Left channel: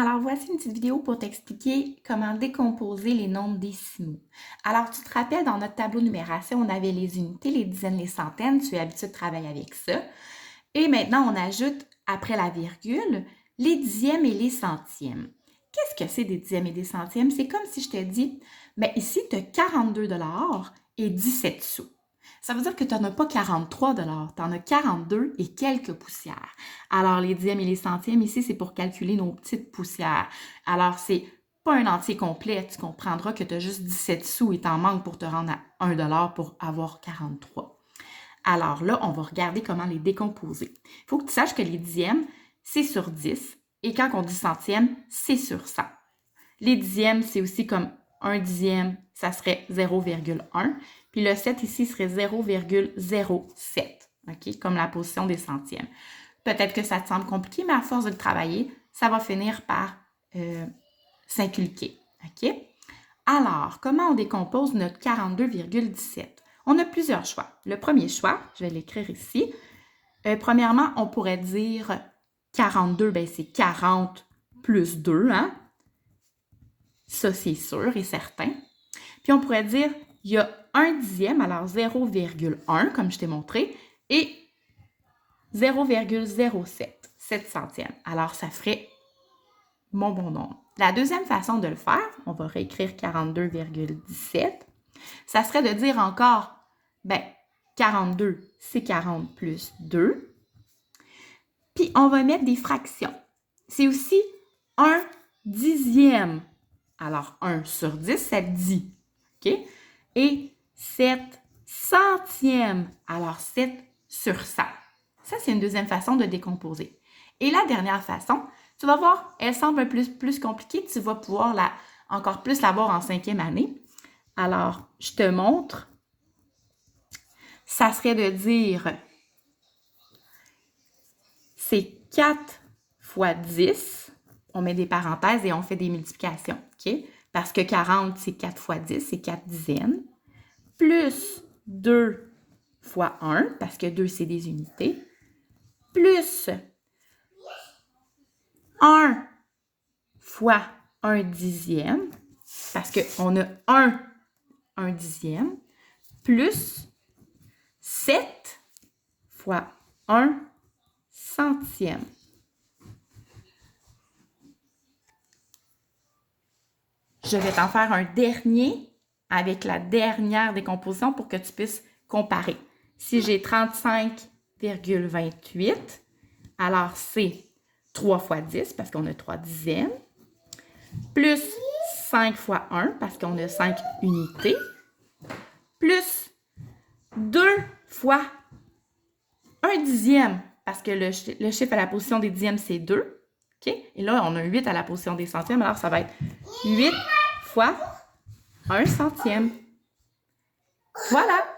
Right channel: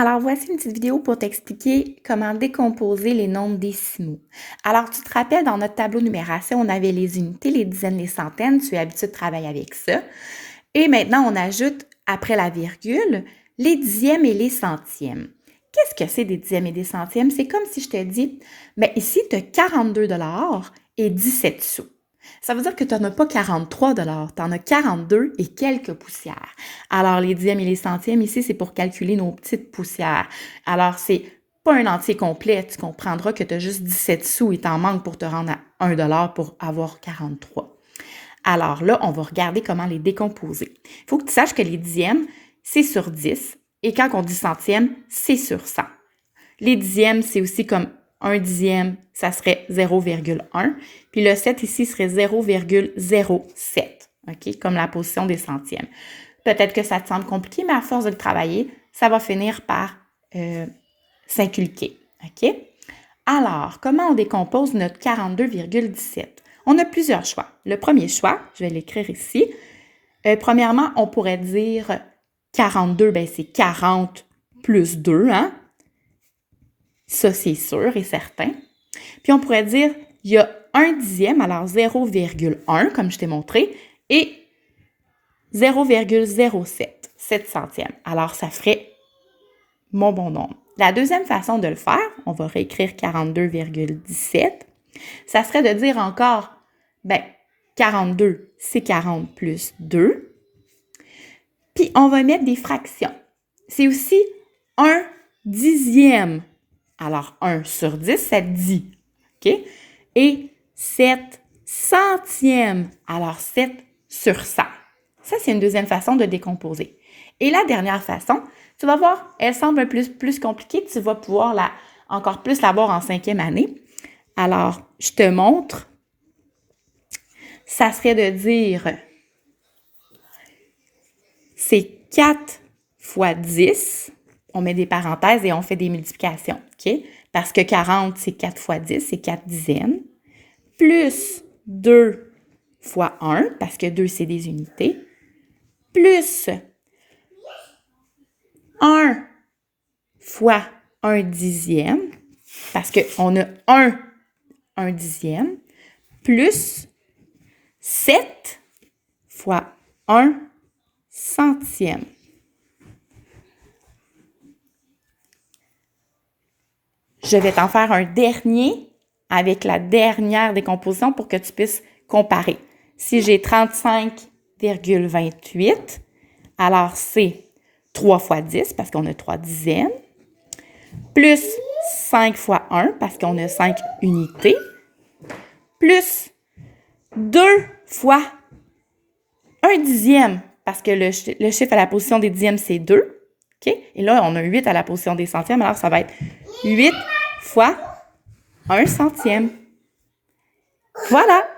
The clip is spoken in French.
Alors, voici une petite vidéo pour t'expliquer comment décomposer les nombres décimaux. Alors, tu te rappelles, dans notre tableau de numération, on avait les unités, les dizaines, les centaines. Tu es habitué de travailler avec ça. Et maintenant, on ajoute, après la virgule, les dixièmes et les centièmes. Qu'est-ce que c'est des dixièmes et des centièmes? C'est comme si je te dis, bien ici, tu as 42 $ et 17 sous. Ça veut dire que tu n'en as pas 43 $, tu en as 42 et quelques poussières. Alors, les dixièmes et les centièmes, ici, c'est pour calculer nos petites poussières. Alors, c'est pas un entier complet. Tu comprendras que tu as juste 17 sous et t'en manques pour te rendre à 1 $ pour avoir 43. Alors là, on va regarder comment les décomposer. Il faut que tu saches que les dixièmes, c'est sur 10. Et quand on dit centième, c'est sur 100. Les dixièmes, c'est aussi comme 1 dixième, ça serait 0,1. Puis le 7 ici serait 0,07, OK? Comme la position des centièmes. Peut-être que ça te semble compliqué, mais à force de le travailler, ça va finir par s'inculquer, OK? Alors, comment on décompose notre 42,17? On a plusieurs choix. Le premier choix, je vais l'écrire ici. Premièrement, on pourrait dire 42, ben c'est 40 plus 2, hein? Ça, c'est sûr et certain. Puis, on pourrait dire, il y a 1 dixième, alors 0,1, comme je t'ai montré, et 0,07, 7 centièmes. Alors, ça ferait mon bon nombre. La deuxième façon de le faire, on va réécrire 42,17, ça serait de dire encore, ben, 42, c'est 40 plus 2. Puis, on va mettre des fractions. C'est aussi 1 dixième. Alors, 1 sur 10, ça dit. OK? Et 7 centièmes. Alors, 7 sur 100. Ça, c'est une deuxième façon de décomposer. Et la dernière façon, tu vas voir, elle semble un peu plus compliquée. Tu vas pouvoir encore plus la voir en 5e année. Alors, je te montre. Ça serait de dire, c'est 4 fois 10. On met des parenthèses et on fait des multiplications, OK? Parce que 40, c'est 4 fois 10, c'est 4 dizaines. Plus 2 fois 1, parce que 2, c'est des unités. Plus 1 fois 1 dixième, parce qu'on a 1 dixième, plus 7 fois 1 centième. Je vais t'en faire un dernier avec la dernière décomposition pour que tu puisses comparer. Si j'ai 35,28, alors c'est 3 fois 10 parce qu'on a 3 dizaines, plus 5 fois 1 parce qu'on a 5 unités, plus 2 fois 1 dixième parce que le chiffre à la position des dixièmes, c'est 2. OK? Et là, on a 8 à la position des centièmes, alors ça va être 8 fois 1 centième. Voilà!